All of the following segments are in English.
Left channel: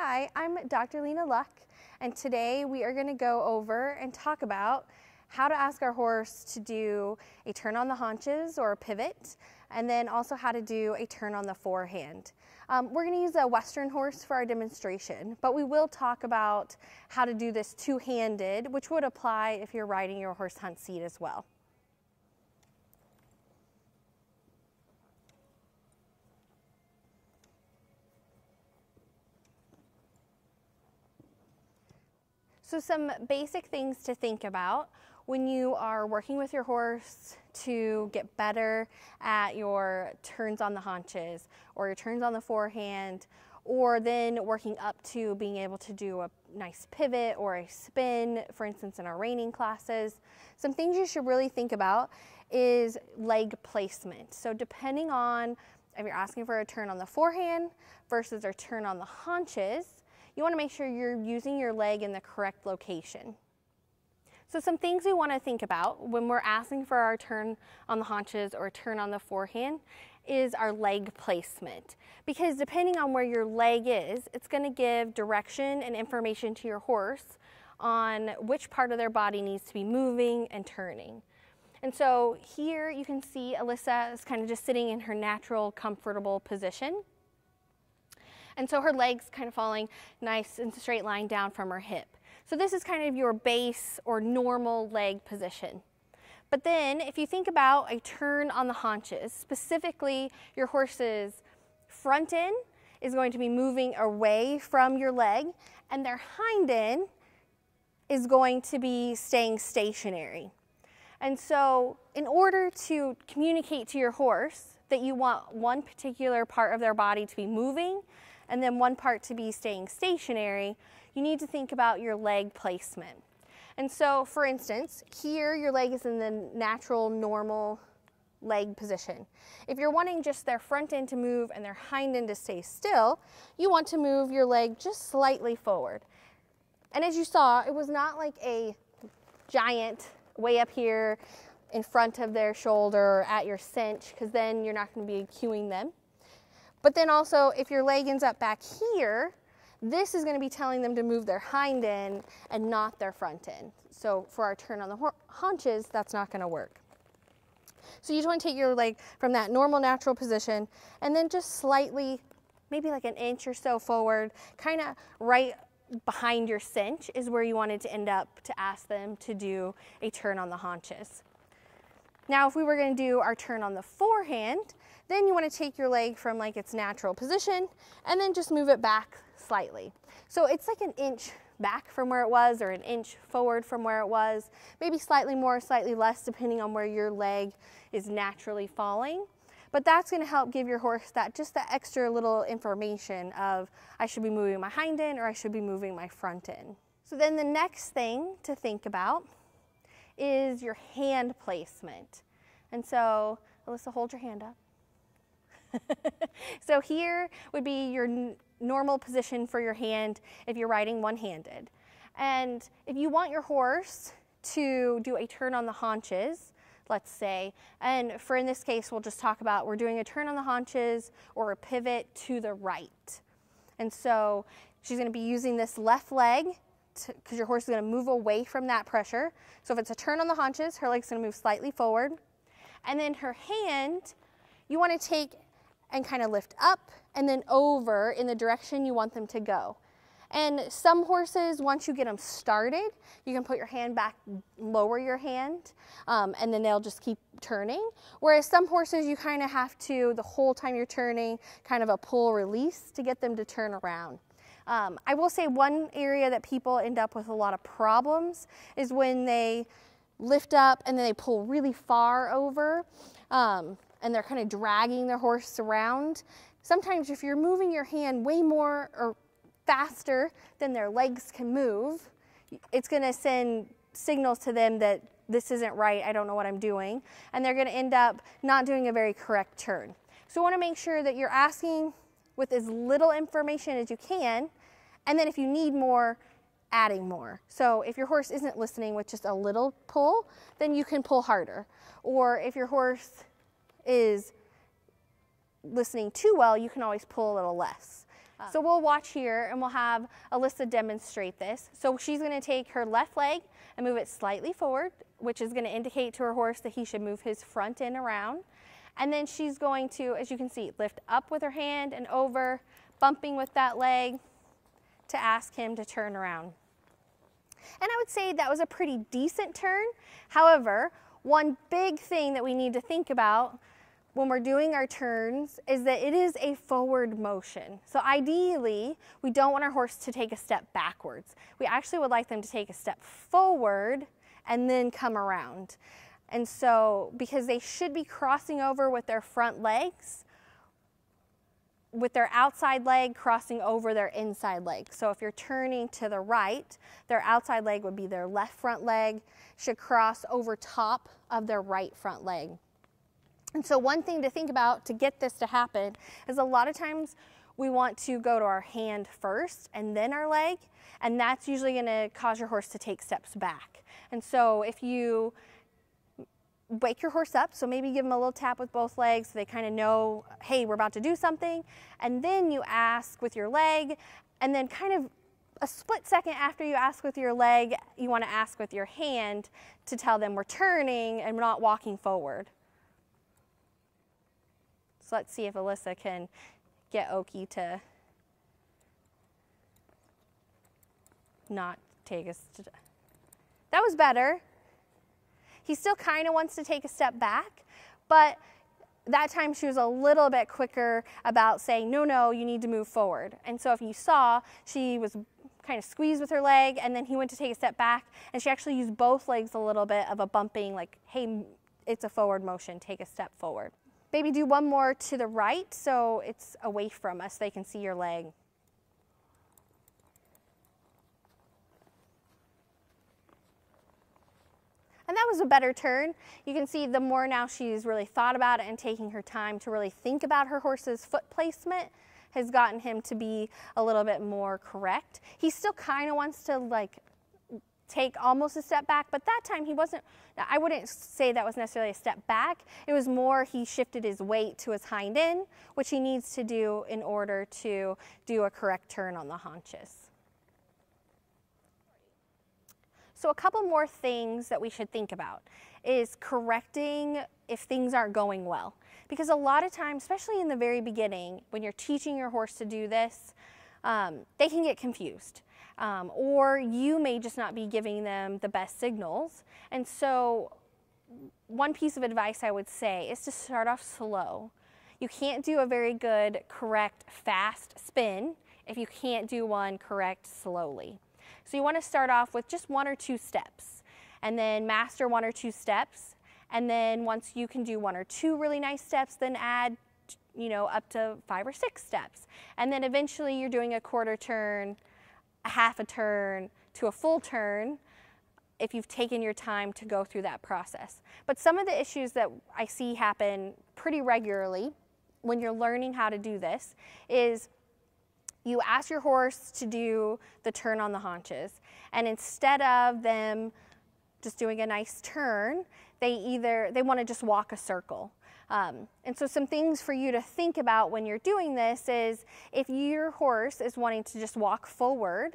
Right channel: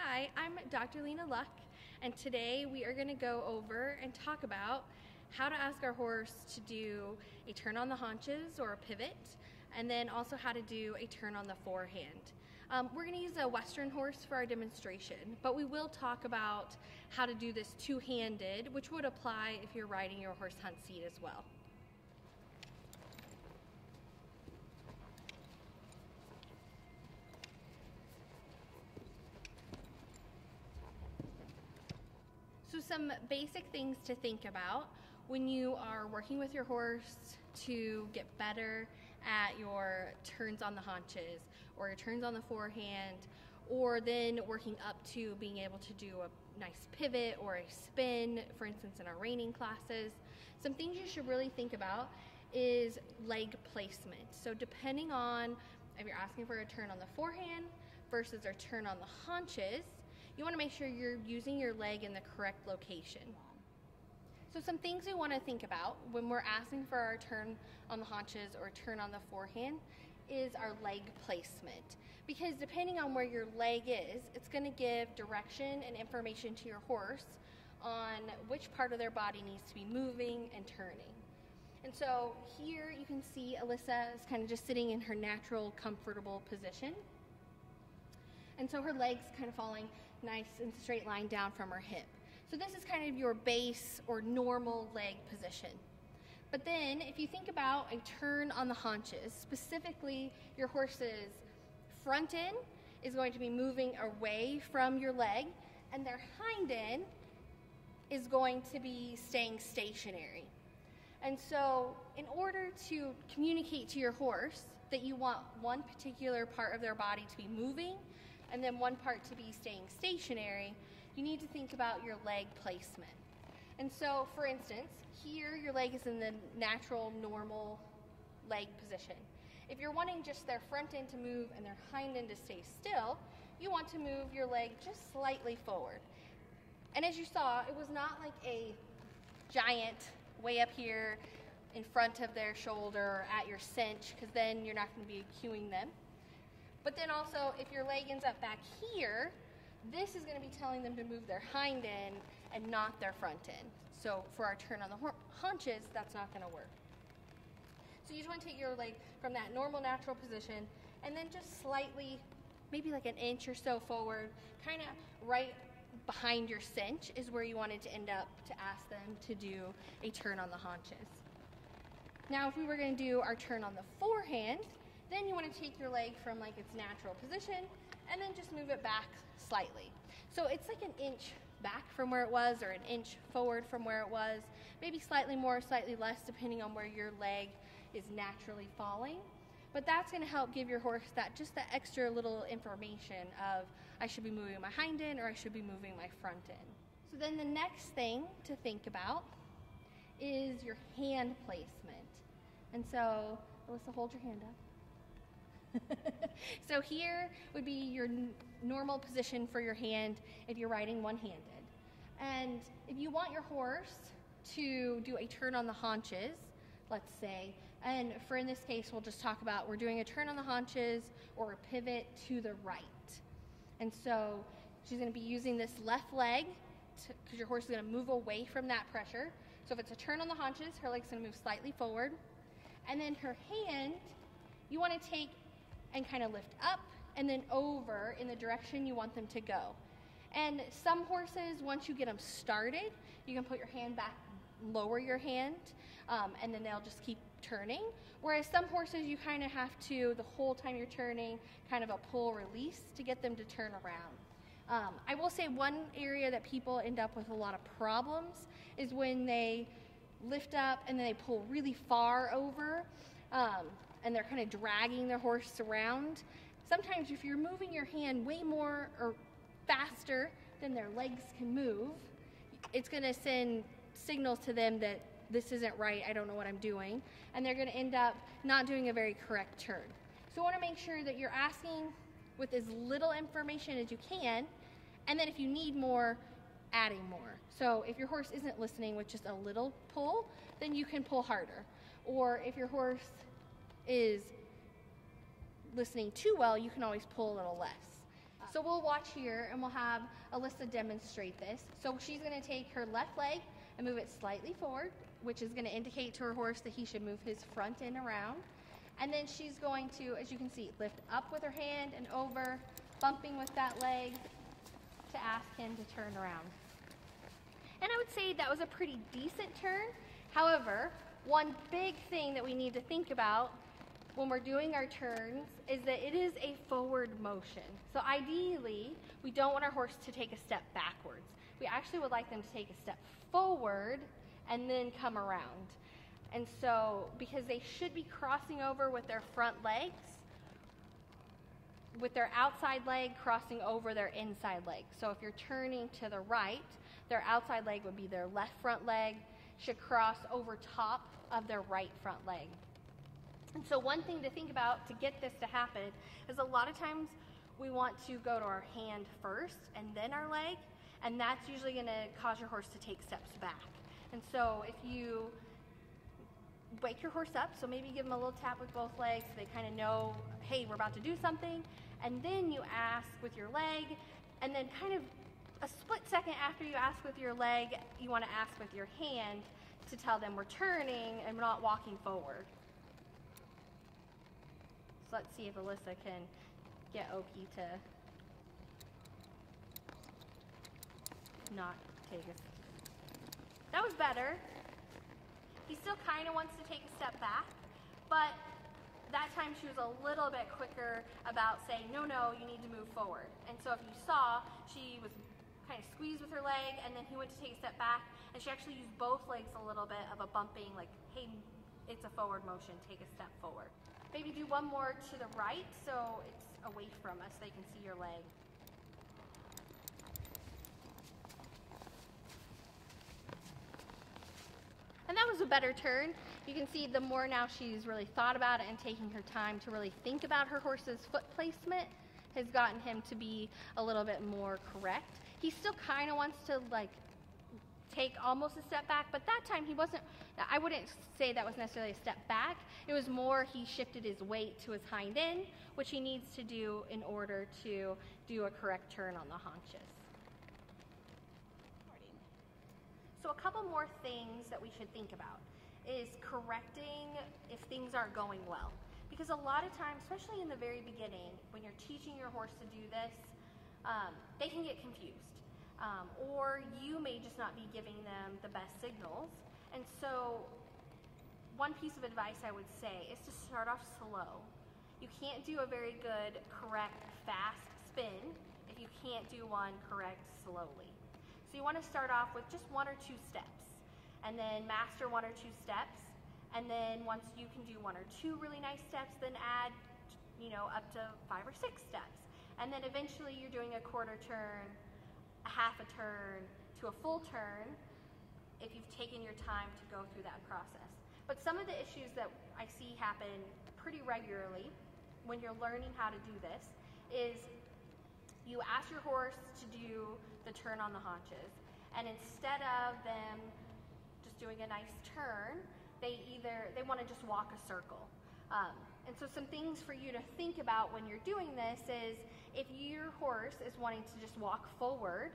Hi, I'm Dr. Lena Luck, and today we are going to go over and talk about how to ask our horse to do a turn on the haunches or a pivot, and then also how to do a turn on the forehand. We're going to use a Western horse for our demonstration, but we will talk about how to do this two-handed, which would apply if you're riding your horse hunt seat as well. So some basic things to think about when you are working with your horse to get better at your turns on the haunches or your turns on the forehand, or then working up to being able to do a nice pivot or a spin, for instance in our reining classes. Some things you should really think about is leg placement. So depending on if you're asking for a turn on the forehand versus a turn on the haunches, you want to make sure you're using your leg in the correct location. So some things we want to think about when we're asking for our turn on the haunches or turn on the forehand is our leg placement. Because depending on where your leg is, it's going to give direction and information to your horse on which part of their body needs to be moving and turning. And so here you can see Alyssa is kind of just sitting in her natural, comfortable position. And so her leg's kind of falling nice and straight line down from her hip. So this is kind of your base or normal leg position. But then if you think about a turn on the haunches, specifically your horse's front end is going to be moving away from your leg, and their hind end is going to be staying stationary. And so in order to communicate to your horse that you want one particular part of their body to be moving and then one part to be staying stationary, you need to think about your leg placement. And so, for instance, here your leg is in the natural, normal leg position. If you're wanting just their front end to move and their hind end to stay still, you want to move your leg just slightly forward. And as you saw, it was not like a giant way up here in front of their shoulder or at your cinch, because then you're not going to be cueing them. But then also, if your leg ends up back here, this is going to be telling them to move their hind end and not their front end. So for our turn on the haunches, that's not going to work. So you just want to take your leg from that normal, natural position and then just slightly, maybe like an inch or so forward, kind of right behind your cinch is where you wanted to end up to ask them to do a turn on the haunches. Now, if we were going to do our turn on the forehand, then you want to take your leg from like its natural position and then just move it back slightly. So it's like an inch back from where it was or an inch forward from where it was, maybe slightly more, slightly less, depending on where your leg is naturally falling. But that's going to help give your horse just that extra little information of I should be moving my hind end or I should be moving my front end. So then the next thing to think about is your hand placement. And so, Alyssa, hold your hand up. So here would be your normal position for your hand if you're riding one-handed. And if you want your horse to do a turn on the haunches, let's say, and in this case we'll just talk about we're doing a turn on the haunches or a pivot to the right. And so she's going to be using this left leg because your horse is going to move away from that pressure. So if it's a turn on the haunches, her leg's going to move slightly forward. And then her hand, you want to take and kind of lift up and then over in the direction you want them to go. And some horses, once you get them started, you can put your hand back, lower your hand, and then they'll just keep turning. Whereas some horses, you kind of have to, the whole time you're turning, kind of a pull release to get them to turn around. I will say one area that people end up with a lot of problems is when they lift up and then they pull really far over. And they're kind of dragging their horse around. Sometimes if you're moving your hand way more or faster than their legs can move, it's going to send signals to them that this isn't right, I don't know what I'm doing, and they're going to end up not doing a very correct turn. So you want to make sure that you're asking with as little information as you can, and then if you need more, adding more. So if your horse isn't listening with just a little pull, then you can pull harder. Or if your horse is listening too well, you can always pull a little less. So we'll watch here and we'll have Alyssa demonstrate this. So she's going to take her left leg and move it slightly forward, which is going to indicate to her horse that he should move his front end around. And then she's going to, as you can see, lift up with her hand and over, bumping with that leg to ask him to turn around. And I would say that was a pretty decent turn. However, one big thing that we need to think about when we're doing our turns is that it is a forward motion. So ideally, we don't want our horse to take a step backwards. We actually would like them to take a step forward and then come around. And so, because they should be crossing over with their front legs, with their outside leg crossing over their inside leg. So if you're turning to the right, their outside leg would be their left front leg, should cross over top of their right front leg. And so one thing to think about to get this to happen is a lot of times we want to go to our hand first and then our leg, and that's usually going to cause your horse to take steps back. And so if you wake your horse up, so maybe give them a little tap with both legs so they kind of know, hey, we're about to do something, and then you ask with your leg, and then kind of a split second after you ask with your leg, you want to ask with your hand to tell them we're turning and we're not walking forward. So let's see if Alyssa can get Oki to not take us. That was better. He still kind of wants to take a step back, but that time she was a little bit quicker about saying, no, no, you need to move forward. And so if you saw, she was kind of squeezed with her leg, and then he went to take a step back, and she actually used both legs a little bit of a bumping, like, hey, it's a forward motion, take a step forward. Maybe do one more to the right so it's away from us, so they can see your leg. And that was a better turn. You can see the more now she's really thought about it and taking her time to really think about her horse's foot placement has gotten him to be a little bit more correct. He still kind of wants to like take almost a step back, but that time he wasn't, I wouldn't say that was necessarily a step back. It was more he shifted his weight to his hind end, which he needs to do in order to do a correct turn on the haunches. So a couple more things that we should think about is correcting if things aren't going well. Because a lot of times, especially in the very beginning, when you're teaching your horse to do this, they can get confused. Or you may just not be giving them the best signals. And so one piece of advice I would say is to start off slow. You can't do a very good, correct, fast spin if you can't do one correct slowly. So you want to start off with just 1 or 2 steps, and then master 1 or 2 steps, and then once you can do 1 or 2 really nice steps, then add, up to 5 or 6 steps. And then eventually you're doing a quarter turn, a half a turn, to a full turn if you've taken your time to go through that process. But some of the issues that I see happen pretty regularly when you're learning how to do this is you ask your horse to do the turn on the haunches, and instead of them just doing a nice turn, they want to just walk a circle. And so some things for you to think about when you're doing this is if your horse is wanting to just walk forward,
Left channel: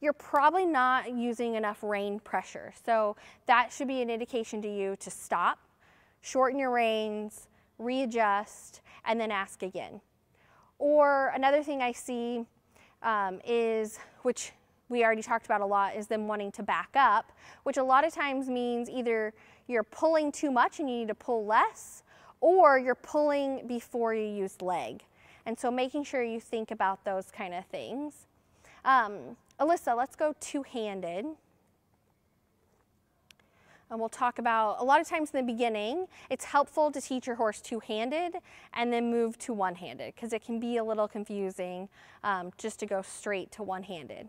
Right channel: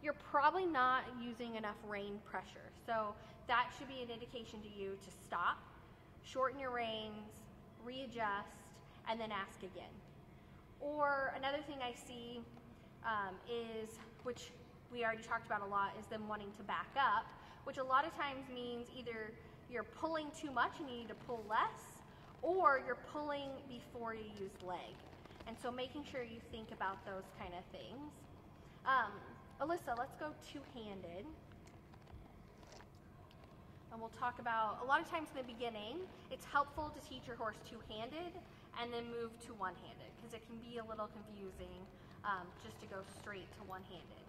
you're probably not using enough rein pressure. So that should be an indication to you to stop, shorten your reins, readjust, and then ask again. Or another thing I see is, which we already talked about a lot, is them wanting to back up, which a lot of times means either you're pulling too much and you need to pull less, or you're pulling before you use leg. And so making sure you think about those kind of things. Alyssa, let's go two-handed. And we'll talk about, a lot of times in the beginning, it's helpful to teach your horse two-handed and then move to one-handed, because it can be a little confusing just to go straight to one-handed.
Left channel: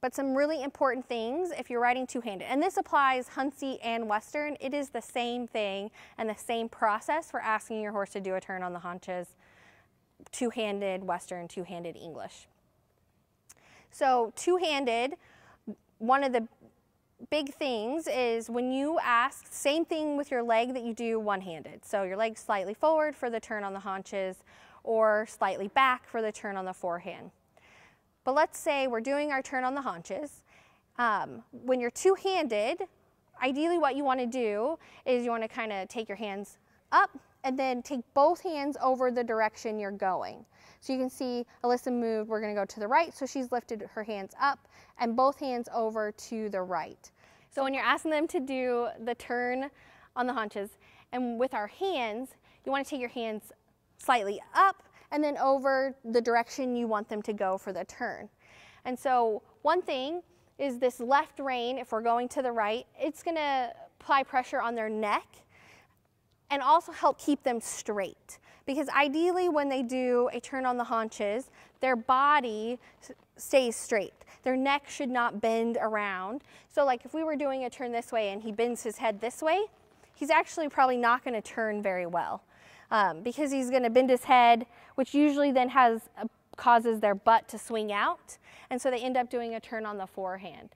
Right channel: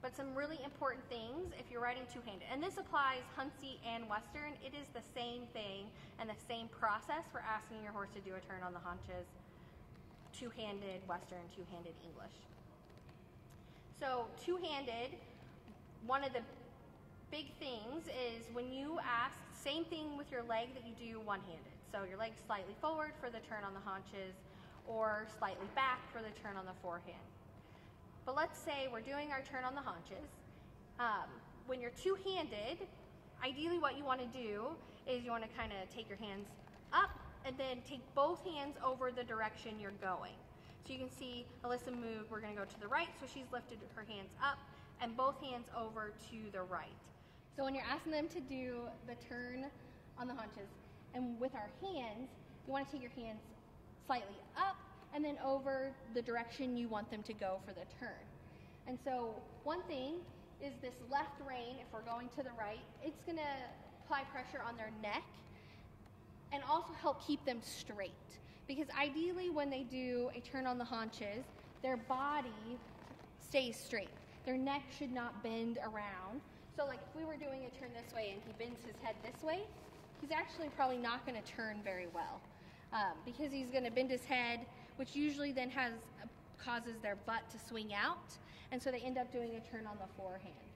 But some really important things if you're riding two-handed, and this applies Huntsy and Western, it is the same thing and the same process for asking your horse to do a turn on the haunches, two-handed Western, two-handed English. So two-handed, one of the big things is when you ask, same thing with your leg that you do one-handed. So your leg slightly forward for the turn on the haunches, or slightly back for the turn on the forehand. But let's say we're doing our turn on the haunches. When you're two-handed, ideally what you want to do is you want to kind of take your hands up and then take both hands over the direction you're going. So you can see Alyssa moved, we're going to go to the right, so she's lifted her hands up and both hands over to the right. So when you're asking them to do the turn on the haunches, and with our hands, you want to take your hands slightly up and then over the direction you want them to go for the turn. And so one thing is this left rein, if we're going to the right, it's going to apply pressure on their neck and also help keep them straight. Because ideally when they do a turn on the haunches, their body stays straight. Their neck should not bend around. So like if we were doing a turn this way and he bends his head this way, he's actually probably not going to turn very well because he's going to bend his head, which usually then causes their butt to swing out, and so they end up doing a turn on the forehand.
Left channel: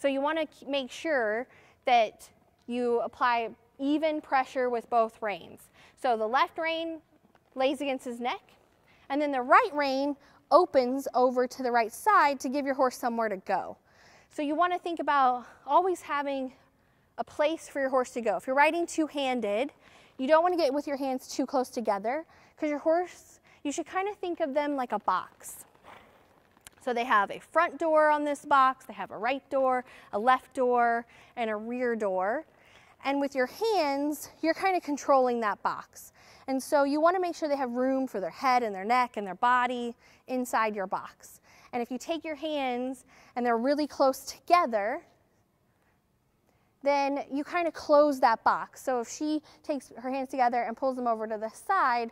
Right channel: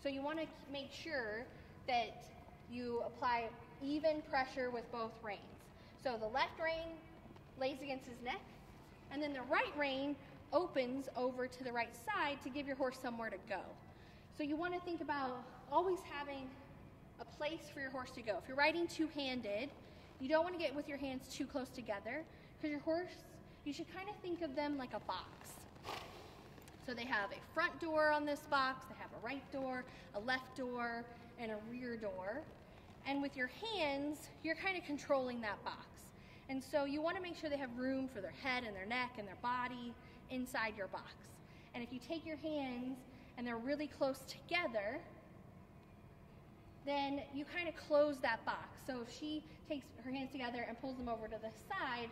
So you want to make sure that you apply even pressure with both reins. So the left rein lays against his neck, and then the right rein opens over to the right side to give your horse somewhere to go. So you want to think about always having a place for your horse to go. If you're riding two-handed, you don't want to get with your hands too close together because your horse, you should kind of think of them like a box. So they have a front door on this box, they have a right door, a left door, and a rear door. And with your hands, you're kind of controlling that box. And so you want to make sure they have room for their head and their neck and their body inside your box. And if you take your hands and they're really close together, then you kind of close that box. So if she takes her hands together and pulls them over to the side,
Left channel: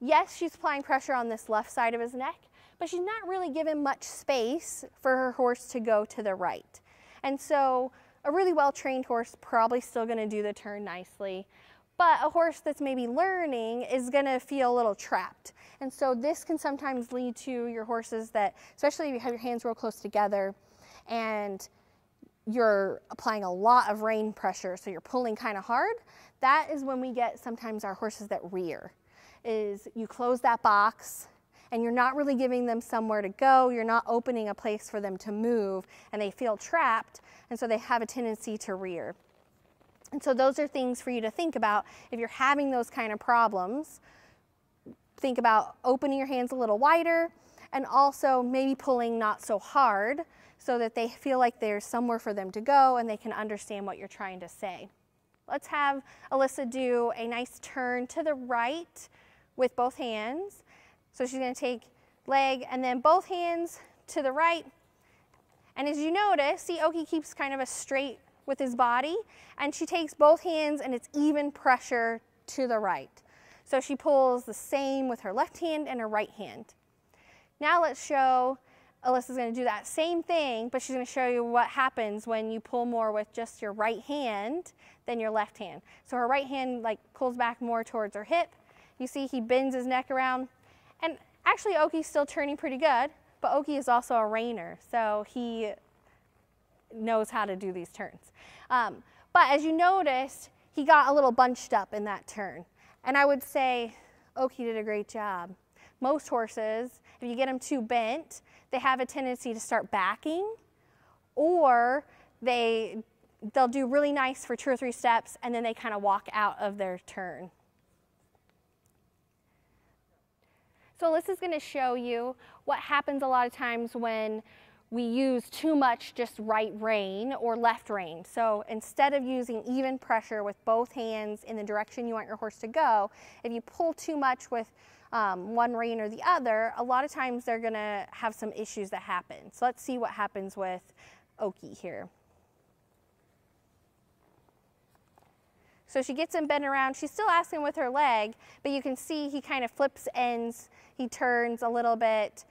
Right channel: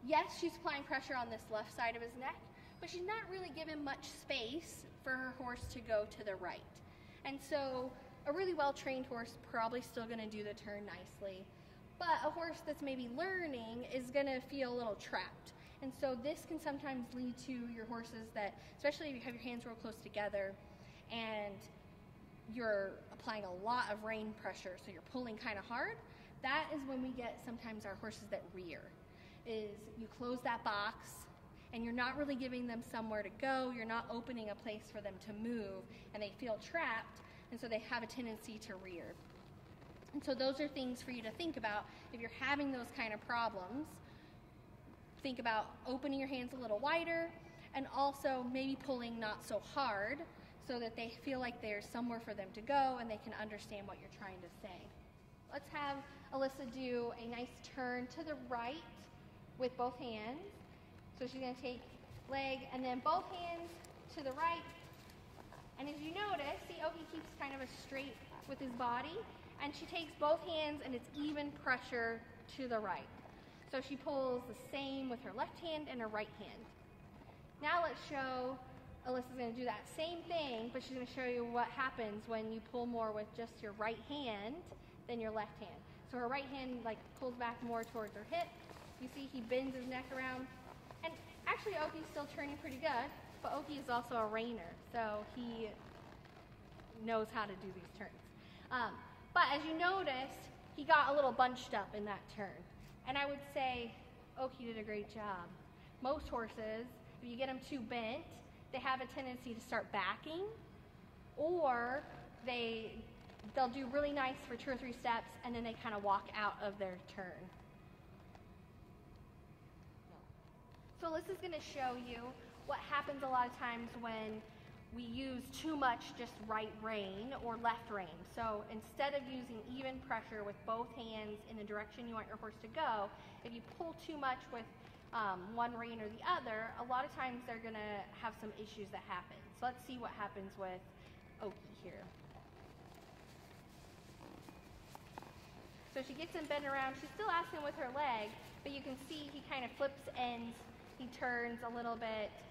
yes, she's applying pressure on this left side of his neck, but she's not really given much space for her horse to go to the right. And so a really well-trained horse probably still going to do the turn nicely, but a horse that's maybe learning is going to feel a little trapped. And so this can sometimes lead to your horses that, especially if you have your hands real close together and you're applying a lot of rein pressure, so you're pulling kind of hard, that is when we get sometimes our horses that rear. Is you close that box and you're not really giving them somewhere to go, you're not opening a place for them to move, and they feel trapped, and so they have a tendency to rear. And so those are things for you to think about. If you're having those kind of problems, think about opening your hands a little wider and also maybe pulling not so hard so that they feel like there's somewhere for them to go and they can understand what you're trying to say. Let's have Alyssa do a nice turn to the right with both hands. So she's going to take leg and then both hands to the right. And as you notice, see, Oki keeps kind of a straight with his body, and she takes both hands and it's even pressure to the right. So she pulls the same with her left hand and her right hand. Now let's show Alyssa's going to do that same thing, but she's going to show you what happens when you pull more with just your right hand than your left hand. So her right hand like pulls back more towards her hip. You see he bends his neck around. And actually Oki's still turning pretty good, but Oki is also a reiner, so he knows how to do these turns. But as you noticed, he got a little bunched up in that turn. And I would say Oki did a great job. Most horses, if you get them too bent, they have a tendency to start backing, or they'll do really nice for 2 or 3 steps and then they kind of walk out of their turn. So Alyssa's going to show you what happens a lot of times when we use too much just right rein or left rein. So instead of using even pressure with both hands in the direction you want your horse to go, if you pull too much with one rein or the other, a lot of times they're going to have some issues that happen. So let's see what happens with Oki here. So she gets him bent around. She's still asking with her leg, but you can see he kind of flips ends. He turns a little bit.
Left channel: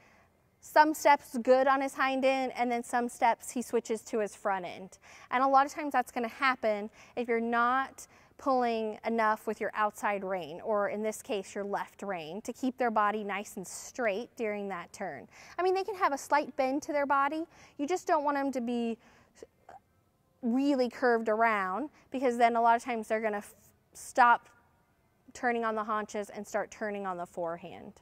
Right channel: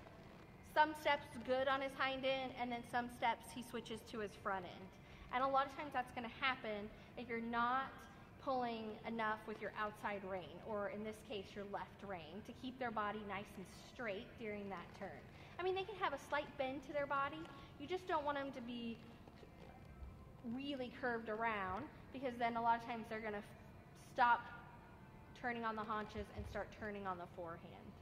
Some steps good on his hind end, and then some steps he switches to his front end. And a lot of times that's going to happen if you're not pulling enough with your outside rein, or in this case your left rein, to keep their body nice and straight during that turn. I mean, they can have a slight bend to their body. You just don't want them to be really curved around, because then a lot of times they're going to stop turning on the haunches and start turning on the forehand.